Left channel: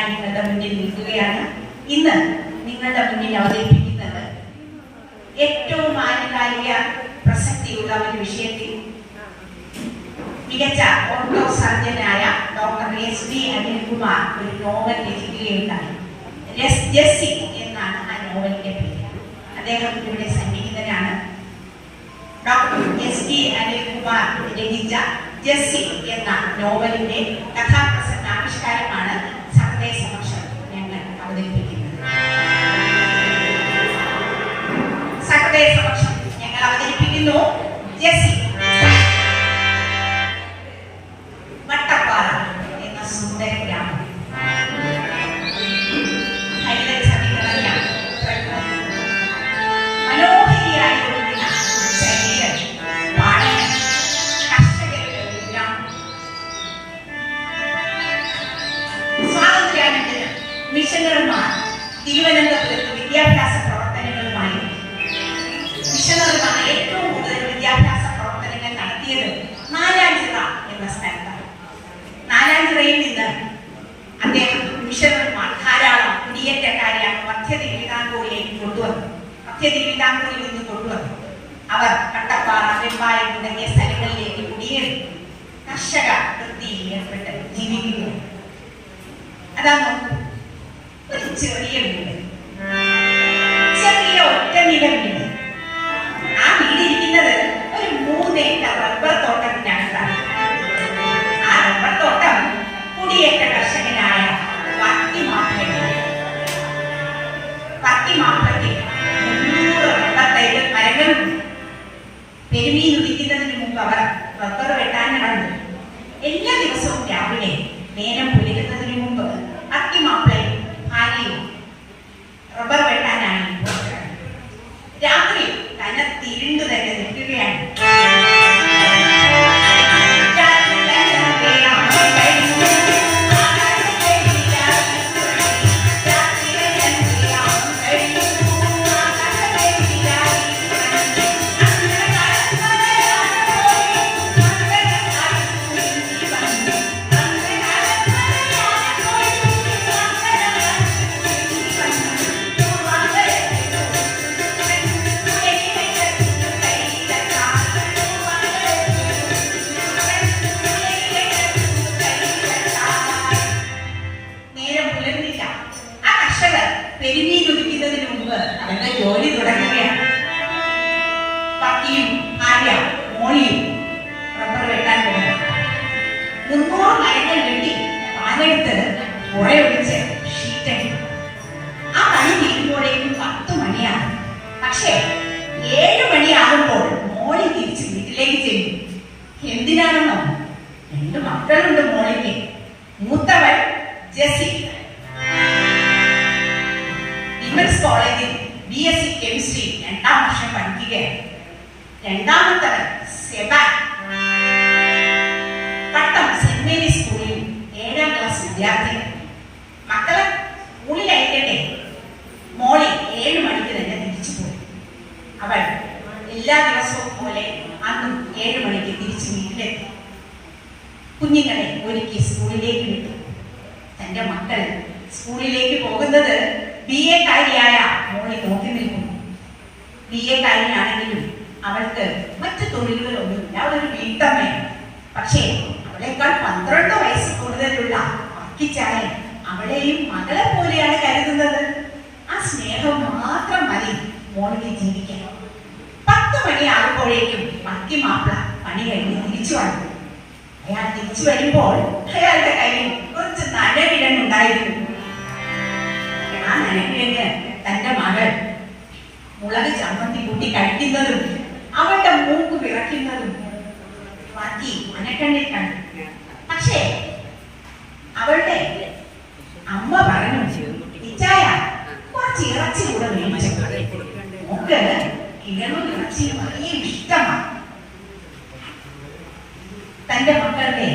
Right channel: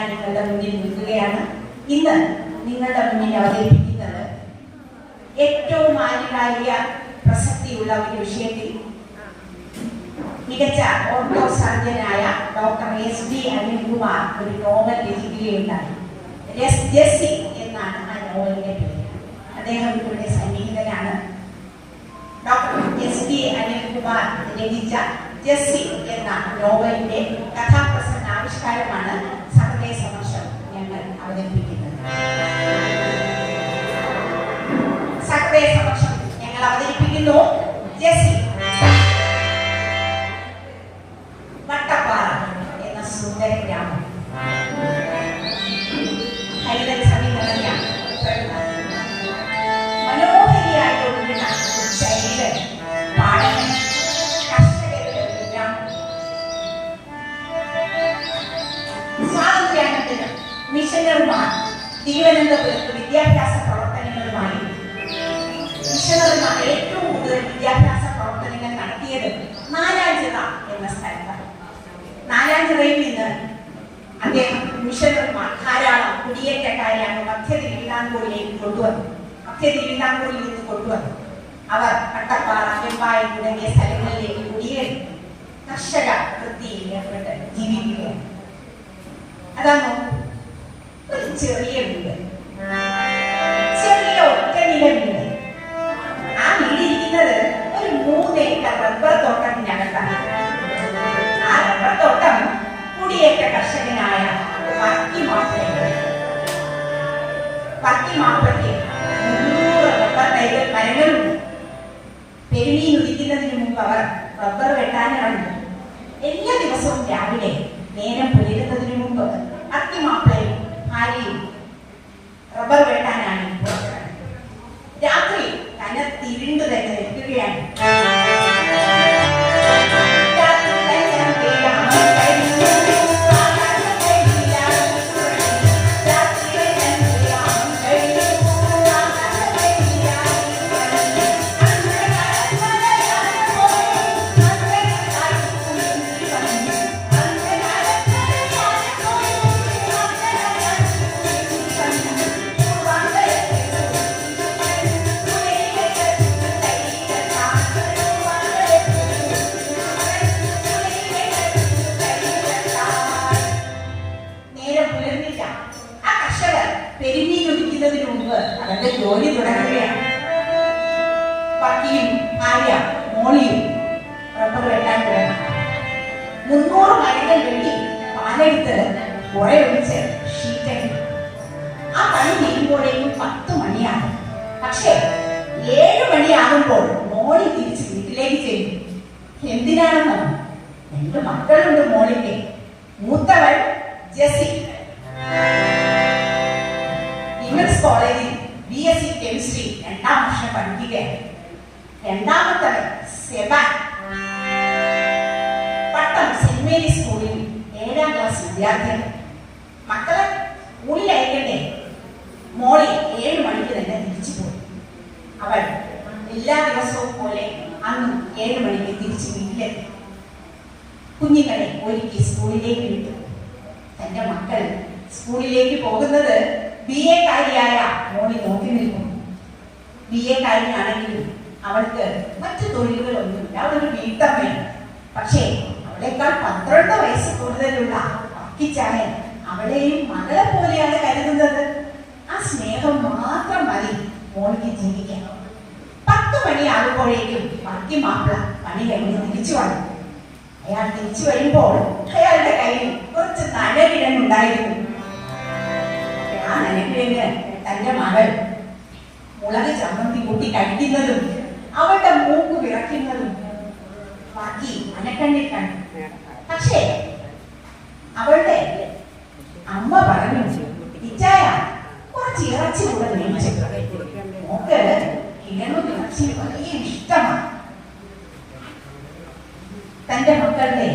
ഞാൻ നിങ്ങളുടെ മുന്നിൽ നിൽക്കുകയാണ്. ഇന്ന് നിങ്ങളുടെ മുന്നിൽ അവതരിപ്പിക്കുന്നത് ഏറ്റവും ആനുകാലിക പ്രസക്തിയുള്ള ഒരു വിഷയത്തിൽ മികച്ച ഓർത്തോ സർജനായ ഡോക്ടർ എസ് ഡി അനിൽകുമാർ ഒരു നോവൽ രചിക്കുകയുണ്ടായി. രസ് ജസ്സി എന്നാണ് ആ നോവലിന്റെ പേര്. അദ്ദേഹം ഇവിടെ സന്നിഹിതനാണ്. ഡോക്ടർ എസ് ഡി അനിൽകുമാർ രചിച്ച ജസ്സി എന്ന നോവലിന്റെ കഥാപ്രസംഗ ആവിഷ്കാരമാണ് തിരുവനന്തപുരത്ത് വിദ്യാഭ്യാസ പ്രവർത്തനങ്ങളുമായി മിഷണറിമാർ ഏറ്റവും കൂടുതൽ വിദ്യാഭ്യാസ പ്രവർത്തനങ്ങൾ നടത്തിയത് നാലാഞ്ചിറ എന്ന സ്ഥലത്താണ്. നാലാഞ്ചിറയിൽ നിന്ന് അദ്ദേഹം മിഷണറിമാർ ധാരാളം കുടിയേറ്റക്കാരെ മധ്യ തിരുവിതാംകൂറിലേക്ക് കൊണ്ടുവന്നു മധ്യ തിരുവിതാംകൂറിൽ നിന്ന് കൊണ്ടുവന്നു അവർ കട്ടപ്പാറ വെമ്പായം തുടങ്ങിയ സ്ഥലങ്ങളിലേക്ക് കുടിയേറി കർഷക വൃത്തിയിൽ ഏർപ്പെട്ട് ജീവിക്കുകയാണ്. അതാ വർക്കി മാത്രത്തിൽ മരങ്ങളുണ്ട്. പെരുമീൻ ഉദിക്കുന്നതിന് മുമ്പ് അവർ റബ്ബർ വെട്ടാൻ നടന്നു. എല്ലാ ദിവസവും രാവിലെ നേരം പക്കിയും മോളി മോളിയും റബ്ബർ വെട്ടാൻ തുടങ്ങി മുന്നൂറ് മരങ്ങൾ വെട്ടി പാലെടുത്ത് പുഴയൊഴിച്ച് ഷീറ്റടി ആ കളി തീരുമ്പോഴേക്കും പത്ത് മണിയാണ് പക്ഷേ ഏഴ് മണിയാകുമ്പോൾ മോളി തിരിച്ച് വീട്ടിലേക്ക് ചെല്ലും. എന്തിനാണെന്നോ? രണ്ട് മക്കളുണ്ട് മോളിക്ക്. മൂത്തവൾ ജെസി വിമൻസ് കോളേജിൽ ബി എസ് സി കെമിസ്ട്രി രണ്ടാം വർഷം പഠിക്കുകയാണ്. രണ്ടാമത്തവൻ സെബാൻ പട്ടം സെന്റ് മേരി സ്കൂളിൽ ഏഴാം ക്ലാസ് വിദ്യാർത്ഥിയാണ് മക്കളെ സ്കൂളിൽ അയക്കണ്ടേ മോളി ഏഴ് മണിക്ക് തന്നെ തിരിച്ചു പോയി. അവൾ എല്ലാ ദിവസവും പോലെ അന്നും ഏഴ് മണിക്ക് തിരിച്ചു വീട്ടിലെത്തി. കുഞ്ഞുങ്ങളെ ഒരുക്കി സ്കൂളിലേക്ക് വിട്ടു. തന്റെ മക്കൾ സ്കൂളിലേക്ക് പോകുന്നത് ബി എ കാരിയായ മോളി നോക്കി നിൽക്കുന്നു. ബി എ കാരിയാണെങ്കിലും അവൾക്ക് മറ്റു തൊഴിലുകളൊന്നുമില്ല. അവളൊരു വീട്ടമ്മയാണ്. പക്ഷേ അവളെക്കാൾ പന്ത്രണ്ട് വയസ്സ് കൂടുതലുള്ള അക്കിച്ചായൻ അവളെയും മകളെ പോലെയാണ് കരുതുന്നത്. ആ സ്നേഹം മാത്രം മതി മോളിക്ക് ജീവിക്കണം പത്ത് മണിയാകുമ്പോഴേക്കും മക്കി മാപ്പിള പണി കഴിഞ്ഞ് തിരിച്ചു വന്നു. അയാൾ തിരിച്ചു വരുമ്പോൾ അയാളുടെ കയ്യിൽ കുറച്ച് നനകിഴങ്ങുണ്ടായിരുന്നു ആ നനകിഴങ്ങ് തന്റെ മകൾ മുളക് ചമ്മന്തി കൂട്ടി കഴിക്കുന്നതും അവളുടെ മൂക്ക് വിറയ്ക്കുന്നതും മതി. മനക്കണ്ണിൽ കണ്ടു പക്ഷേ അവളുടെ അമ്മ പറഞ്ഞു ഇച്ചായ കുറച്ച് ഇറച്ചി കൂടെ മേടിച്ചു. മോക്ക് കിഴങ്ങും ഇറച്ചിയും വലിയ ഇഷ്ടമാണ്. തന്റെ മക്കളുടെ